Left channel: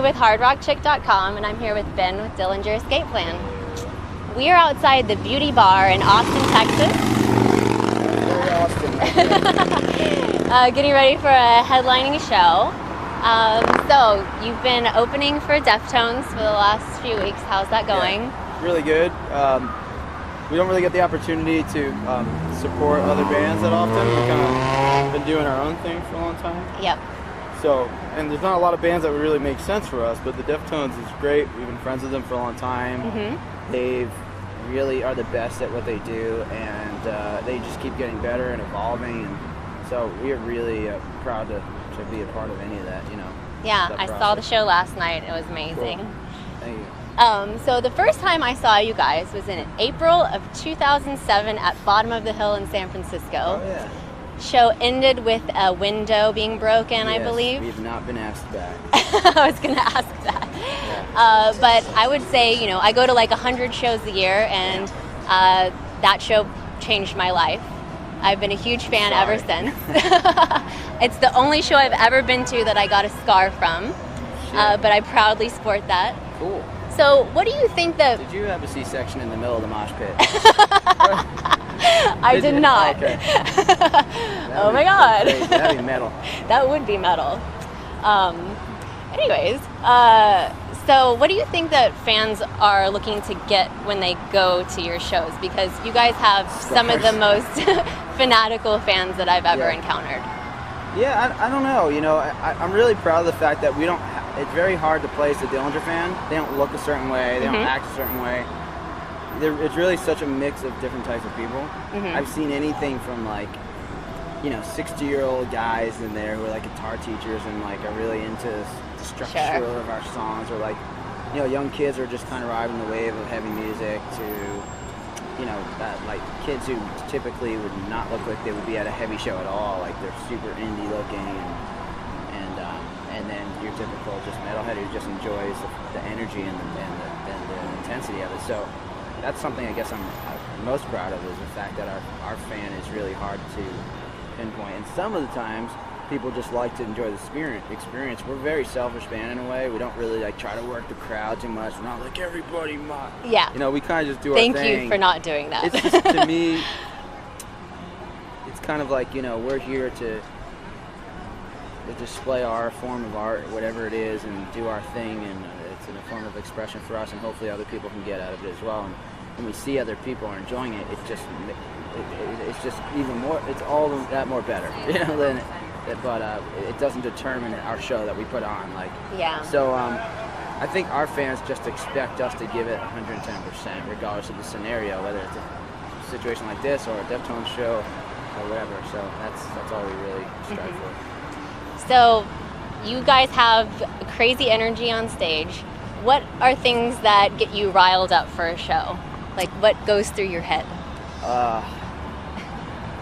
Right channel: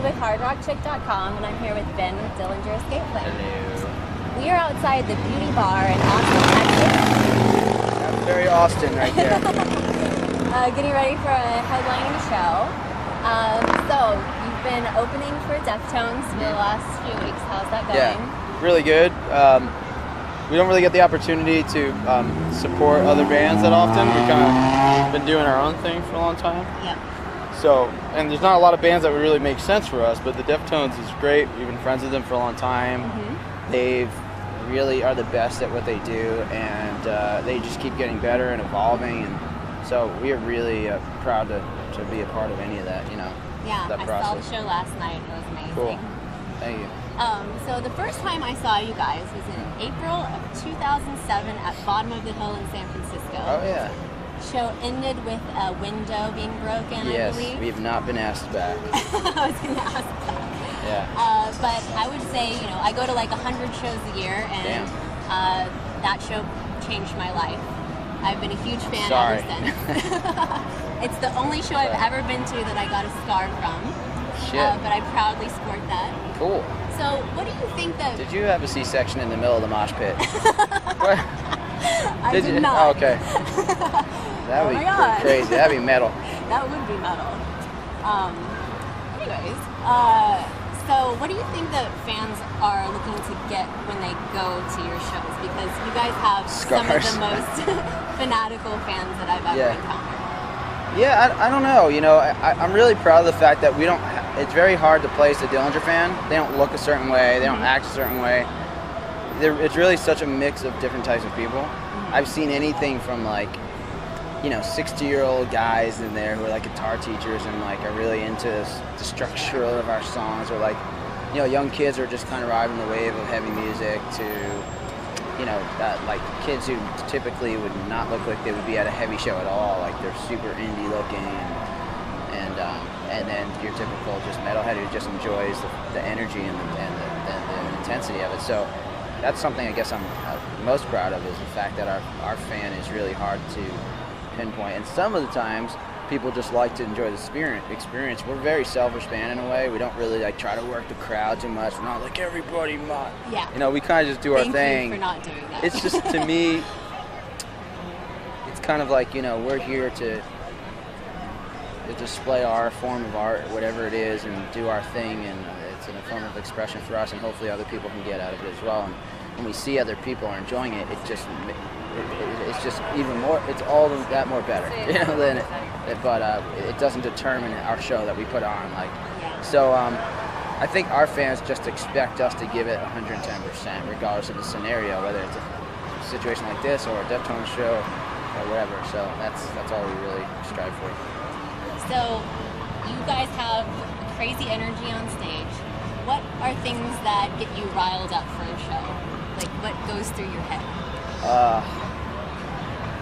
Amy with HardRockChick.com, and I'm here with Ben with Dillinger Escape Plan. Hello. We are outside the Beauty Bar in Austin, Texas. That's very Austin right there. Getting ready for a headlining show. So you've been opening for Deftones for the last few weeks. How's that going? Yeah, really good. We don't really get the opportunity to support other bands that often. We've kind of been doing our own thing for a long time. Yep. So, and there's not a lot of bands that would really make sense for us, but the Deftones is great. We've been friends with them for a long time. Mm-hmm. They really are the best at what they do, and they just keep getting better and evolving. And so we are really proud to be a part of any of that, you know. Yeah, I saw the show last night. It was amazing. Cool. Thank you. So the first time I saw you guys was in April of 2007 at Bottom of the Hill in San Francisco. Oh, yeah. Show ended with a window being broken, Yes, I believe. we have not been asked back. I was going to ask that. Yeah. But I would say, you know, I go to like 100 shows a year, and that show changed my life. I've been a huge fan ever since. It's the only show I've ever been to that I got a scar from. Shit. But I proudly sport that. Cool. So what do you think that... Did you have a C-section in the middle of the mosh pit? I did not. Oh, okay. Oh my God. Crazy. That'd be metal. That would be metal. Anyways, so what do you think that fans are looking to get when they go to your shows? Because you guys have some of the most fanatical fans that I've ever encountered. Yeah, I don't know. You know, I'm really proud of the fact that we don't. It's very hard to place a Dillinger fan. They don't look a certain way. They don't act a certain way. It's really such a mix of different types of people. I've seen anything from like, you know, 60-year-old guys in there who are like guitar teachers and like are really into the structure of our songs, or like, you know, young kids who are just kind of riding the wave of heavy music, to, you know, like kids who typically would not look like they would be at a heavy show at all, like they're super indie looking, and then your typical just metalhead who just enjoys the energy and the intensity of it. So that's something I guess I'm most proud of, is the fact that our fan is really hard to pinpoint. And some of the times people just like to enjoy the experience. We're a very selfish band in a way. We don't really like try to work the crowd too much. We're not like everybody might. Yeah. You know, we kind of just do our thing. Thank you for not doing that. It's just, to me, it's kind of like, you know, we're here to display our form of art, whatever it is, and do our thing, and it's in a form of expression for us, and hopefully other people can get out of it as well. And when we see other people are enjoying it, it's just even more, it's all that more better, you know, but it doesn't determine our show that we put on, like. So I think our fans just expect us to give it 110%, regardless of the scenario, whether it's a situation like this or a Deftones show or whatever. So that's all we really strive for. So you guys have crazy energy on stage. What are things that get you riled up for a show? Like, what goes through your head?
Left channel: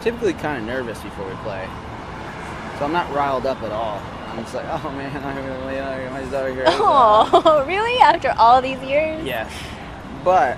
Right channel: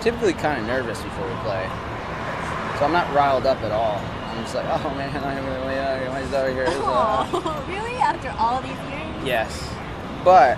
Typically kind of nervous before we play. So I'm not riled up at all. I'm just like, oh man, I'm going to wait my stuff here. Oh, really? After all these years? Yes. But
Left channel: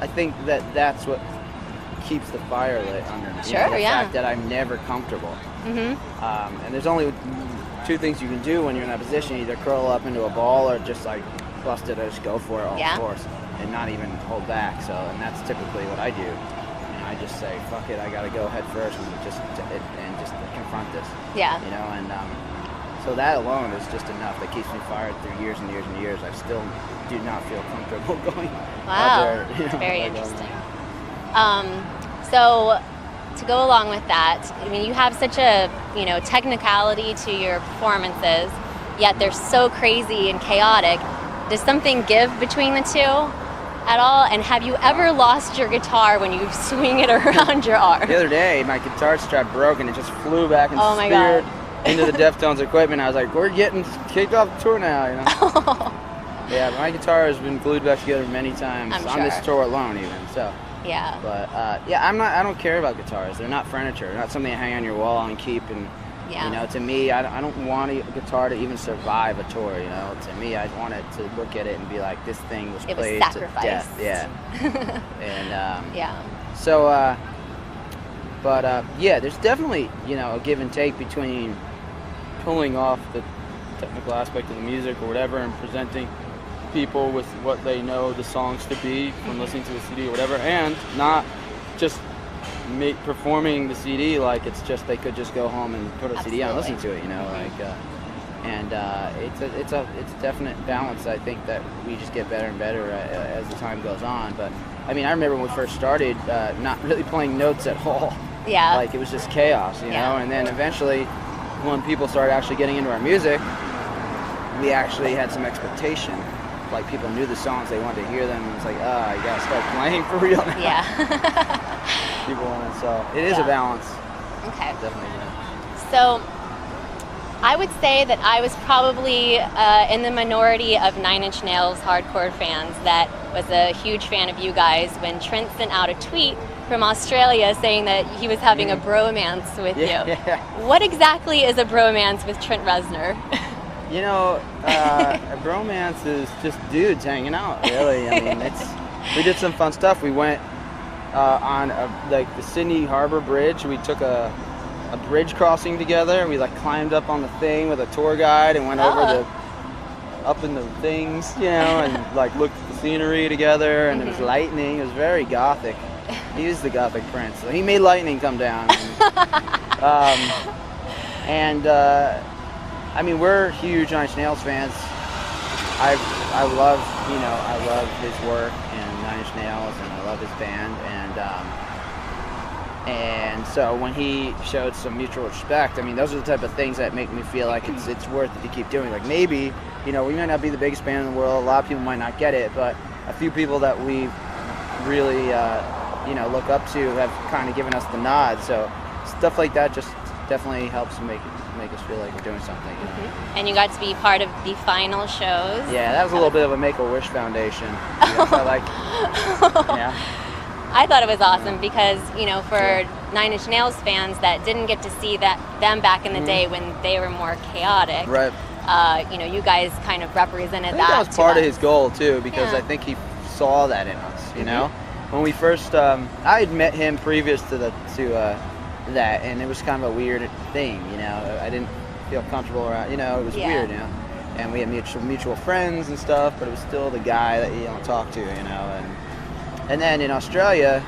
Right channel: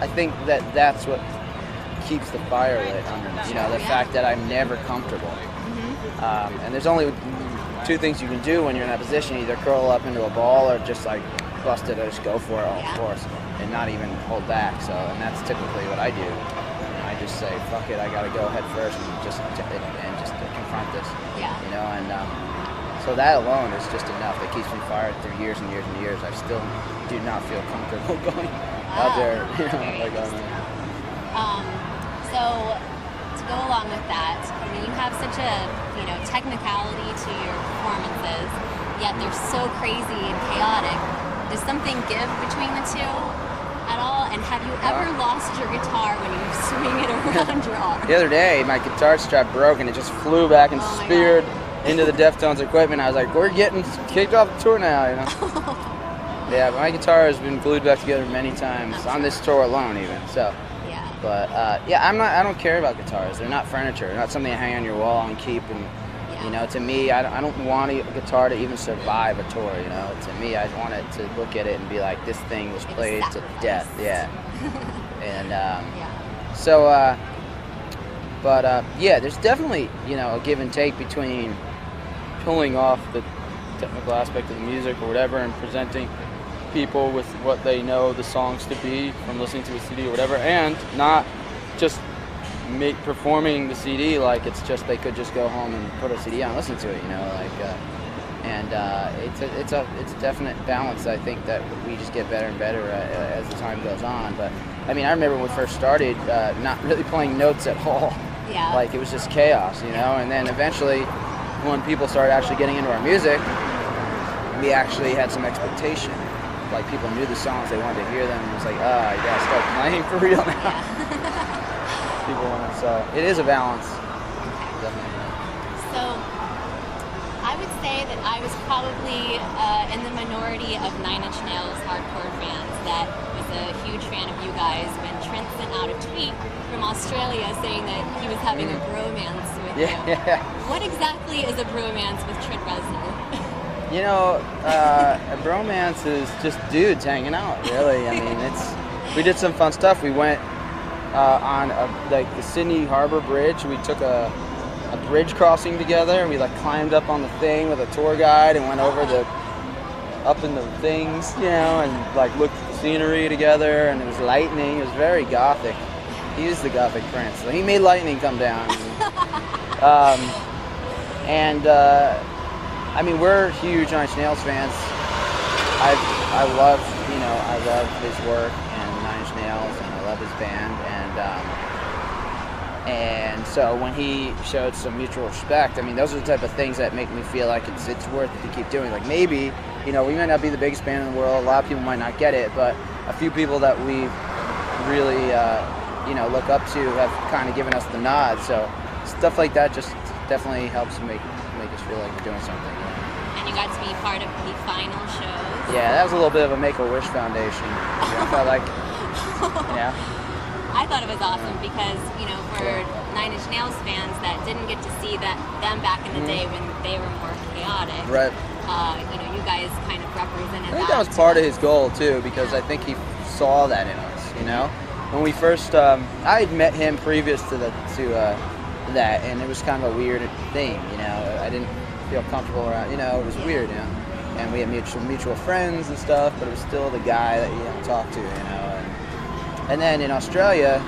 I think that's what keeps the fire lit under me. You know, the fact that I'm never comfortable. And there's only two things you can do when you're in that position: either curl up into a ball or just like bust it or just go for it all force and not even hold back. So, and that's typically what I do. You know, I just say, fuck it, I gotta go head first and just confront this. You know, and so that alone is just enough. That keeps me fired through years and years and years. I still do not feel comfortable going out there. You know, like on there. So to go along with that, I mean, you have such a, you know, technicality to your performances, yet they're so crazy and chaotic. Does something give between the two at all? And have you ever lost your guitar when you swing it around your arm? The other day, my guitar strap broke and it just flew back and speared into the Deftones equipment. I was like, we're getting kicked off the tour now, you know? Yeah, my guitar has been glued back together many times on this tour alone, even. So. But I don't care about guitars. They're not furniture. They're not something to hang on your wall and keep. And you know, to me, I don't want a guitar to even survive a tour. You know, to me, I want it to look at it and be like, this thing was played to death. Yeah. And so, there's definitely, you know, a give and take between pulling off the technical aspect of the music or whatever, and presenting people with what they know the songs to be from listening to a CD or whatever, and not just performing the CD like it's just they could just go home and put a CD on and listen to it, you know, like. It's a definite balance. I think that we just get better and better as the time goes on. But I mean, I remember when we first started, not really playing notes at all. Yeah. Like it was just chaos, you know. And then eventually, when people started actually getting into our music, we actually had some expectation. Like people knew the songs, they wanted to hear them. It was like, you gotta start playing for real now. Yeah. People want to. So it is a balance. Okay. It definitely is a balance. So I would say that I was probably in the minority of Nine Inch Nails hardcore fans that was a huge fan of you guys when Trent sent out a tweet from Australia saying that he was having a bromance with you. Yeah. What exactly is a bromance with Trent Reznor? You know, a bromance is just dudes hanging out, really. I mean, we did some fun stuff. We went on like the Sydney Harbor Bridge. We took a bridge crossing together. We like climbed up on the thing with a tour guide and went over up in the things, you know, and like looked at the scenery together, and it was lightning. It was very gothic. He was the gothic prince. So he made lightning come down. I mean, we're huge Nine Inch Nails fans. I love his work and Nine Inch Nails, and I love his band, and so when he showed some mutual respect, I mean, those are the type of things that make me feel like it's worth it to keep doing. Like maybe, you know, we might not be the biggest band in the world. A lot of people might not get it, but a few people that we really, look up to have kind of given us the nod. So stuff like that just definitely helps make us feel like we're doing something, you know. And you got to be part of the final shows. Yeah, that was a little bit of a Make-A-Wish Foundation. I thought it was awesome because, you know, for Nine Inch Nails fans that didn't get to see them back in the day when they were more chaotic. Right. You guys kind of represented that. I think that was part of his goal too, because I think he saw that in us, you know. When we first, I had met him previous to that, and it was kind of a weird thing, you know. I didn't feel comfortable around, you know, it was weird, you know. And we had mutual friends and stuff, but it was still the guy that you don't talk to, you know. And then in Australia,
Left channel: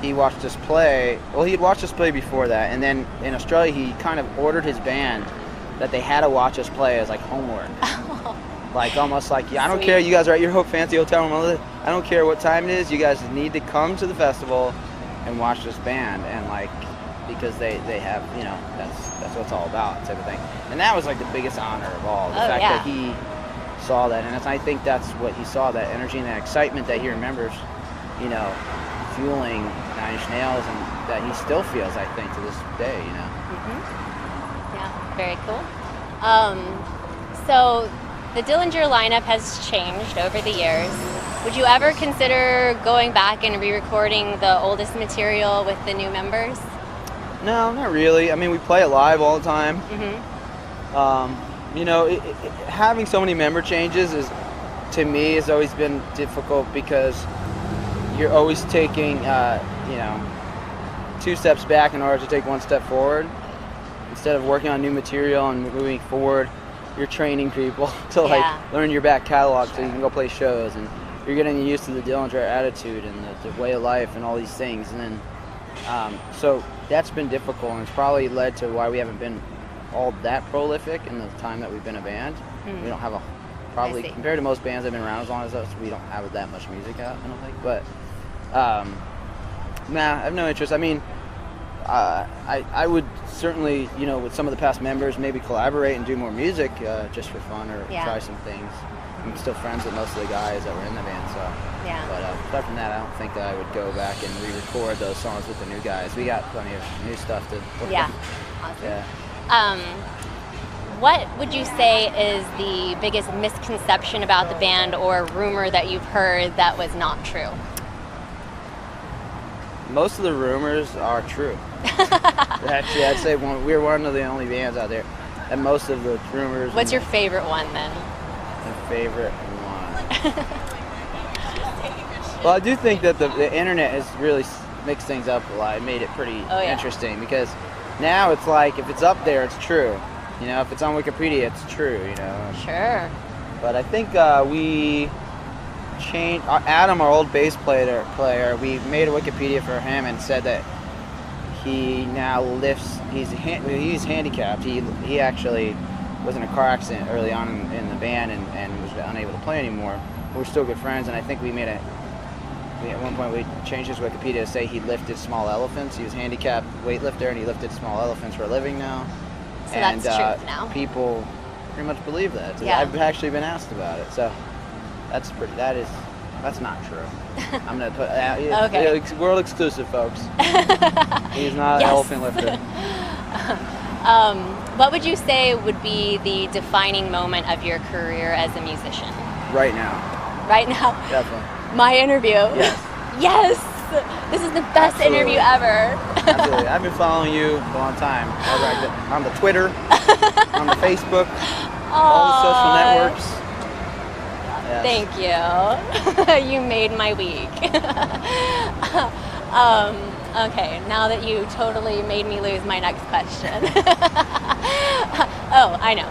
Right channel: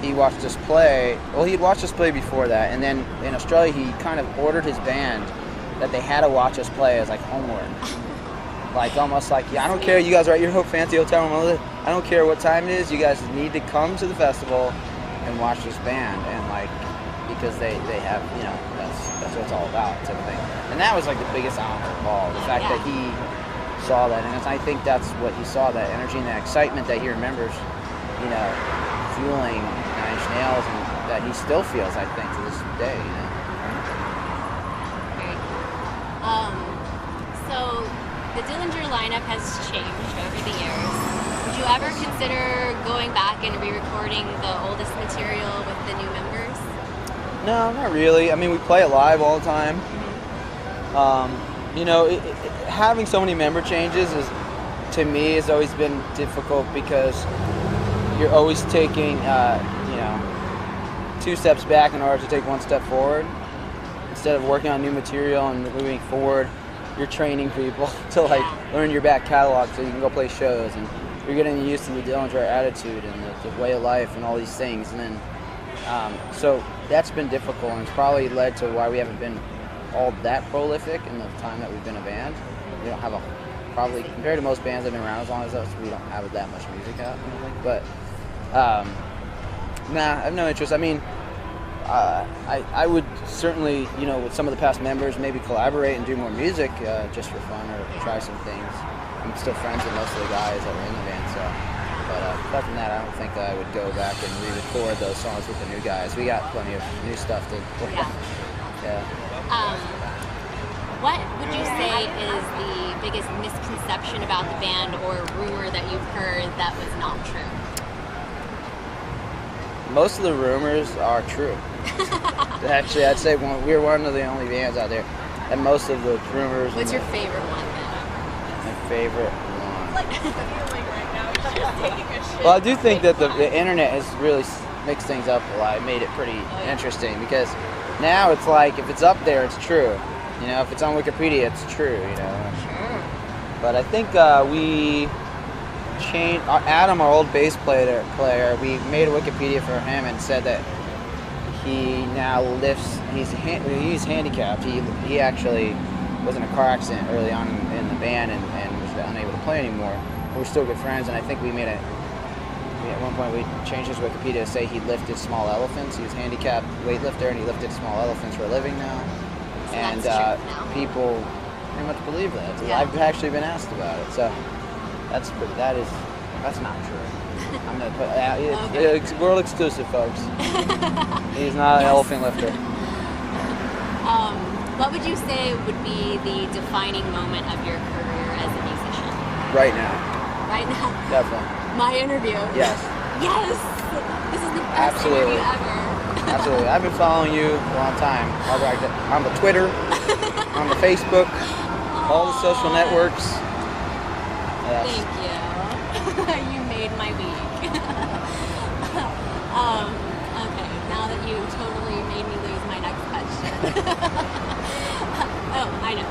he watched us play. Well, he'd watched us play before that, and then in Australia, he kind of ordered his band that they had to watch us play as like homework. Like almost like, I don't care, you guys are at your fancy hotel room, I don't care what time it is, you guys need to come to the festival and watch this band, and like, because they have, you know, that's what it's all about, type of thing. And that was like the biggest honor of all, the fact that he saw that, and I think that's what he saw, that energy and that excitement that he remembers, you know, fueling Nine Inch Nails, and that he still feels, I think, to this day, you know. Yeah, very cool. So the Dillinger lineup has changed over the years. Would you ever consider going back and re-recording the oldest material with the new members? No, not really. I mean, we play it live all the time. You know, having so many member changes to me, has always been difficult, because you're always taking, 2 steps back in order to take 1 step forward. Instead of working on new material and moving forward, you're training people to learn your back catalog so you can go play shows, and you're getting used to the Dillinger attitude and the way of life and all these things. And then, so that's been difficult, and it's probably led to why we haven't been all that prolific in the time that we've been a band. We don't have probably compared to most bands that have been around as long as us, we don't have that much music out, I don't think. But I have no interest. I mean, I would certainly, you know, with some of the past members, maybe collaborate and do more music just for fun, or try some things. I'm still friends with most of the guys that were in the band, so. But aside from that, I don't think I would go back and re-record those songs with the new guys. We got plenty of new stuff to work on. Yeah. What would you say is the biggest misconception about the band, or rumor that you've heard that was not true? Most of the rumors are true. Actually, I'd say we're one of the only bands out there, and most of the rumors. What's your favorite one then? My favorite one. Well, I do think that the internet has really mixed things up a lot. It made it pretty interesting, because now it's like, if it's up there, it's true. You know, if it's on Wikipedia, it's true, you know. Sure. But I think we changed, Adam, our old bass player, we made a Wikipedia for him and said that he now lifts, he's handicapped. He actually was in a car accident early on in the band and was unable to play anymore. We're still good friends, and I think at one point we changed his Wikipedia to say he lifted small elephants. He was a handicapped weightlifter, and he lifted small elephants for a living now. So And that's true now. people pretty much believe that. Yeah. I've actually been asked about it, so that's not true. I'm gonna put Okay. it's world exclusive, folks. He's not an Yes. elephant lifter. What would you say would be the defining moment of your career as a musician? Right now, Right now, definitely. my interview. Yes, Yes! This is the best Absolutely. interview ever. absolutely. I've been following you for a long time. On the Twitter, on the Facebook, all the social Aw, networks. Yes. Thank you. You made my week. Okay, now that you totally made me lose my next question. Oh, I know.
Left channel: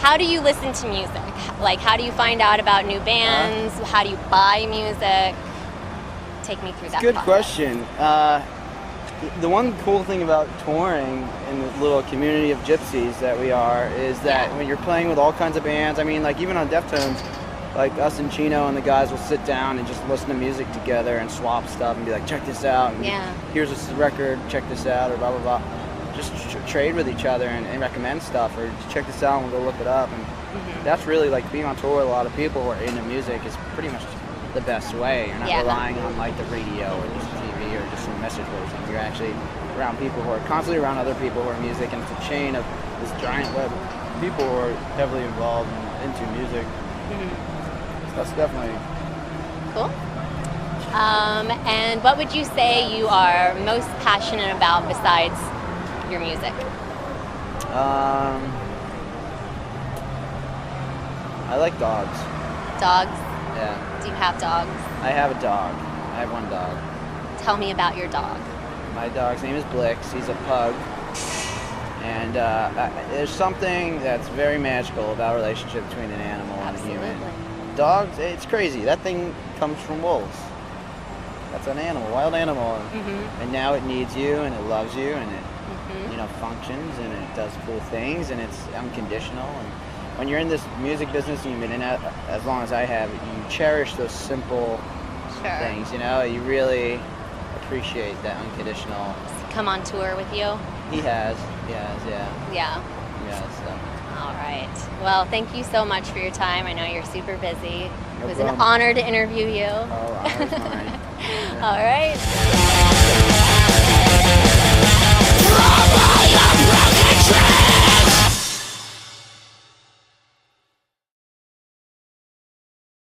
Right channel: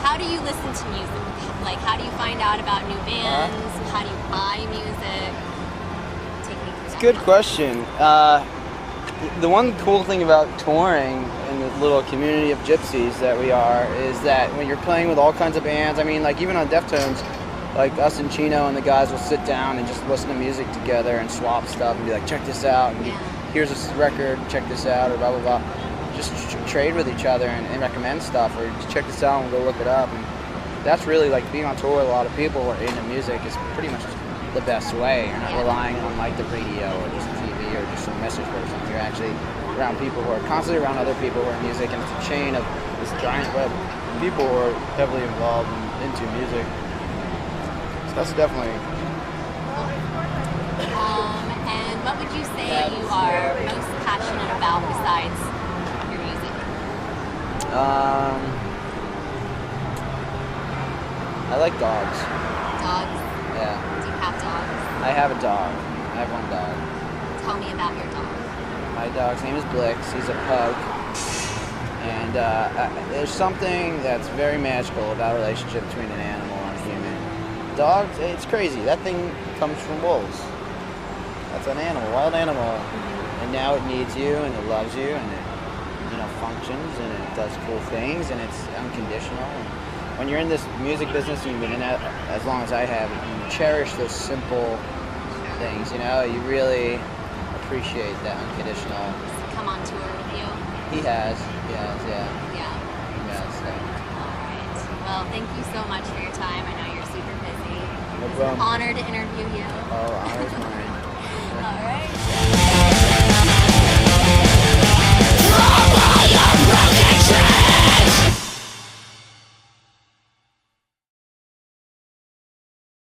How do you listen to music? Like, how do you find out about new bands? How do you buy music? Take me through that. Good process. question. The one cool thing about touring in the little community of gypsies that we are is that when you're playing with all kinds of bands, I mean, like even on Deftones, like us and Chino and the guys will sit down and just listen to music together and swap stuff and be like, check this out, and Yeah. here's this record, check this out, or blah, blah, blah. Just trade with each other and recommend stuff, or check this out and we'll go look it up. And that's really like being on tour with a lot of people who are into music is pretty much the best way. You're not Yeah. relying on like the radio or just TV or just some message board or something. You're actually around people who are constantly around other people who are music, and it's a chain of this giant web of people who are heavily involved into music. So that's definitely Cool. And what would you say you are most passionate about besides your music? I like dogs. Dogs? Yeah. Do you have dogs? I have a dog. I have one dog. Tell me about your dog. My dog's name is Blix. He's a pug. And there's something that's very magical about a relationship between an animal and a human. Dogs, it's crazy. That thing comes from wolves. That's an animal, wild animal. And now it needs you and it loves you and it, functions and it does cool things and it's unconditional. And when you're in this music business and you've been in it as long as I have, you cherish those simple things, You really appreciate that unconditional. Come on tour with you? He has, yeah. Yeah. Yeah, so. All right. Well, thank you so much for your time. I know you're super busy. No It's problem. an honor to interview you. Oh, honor's mine. All right.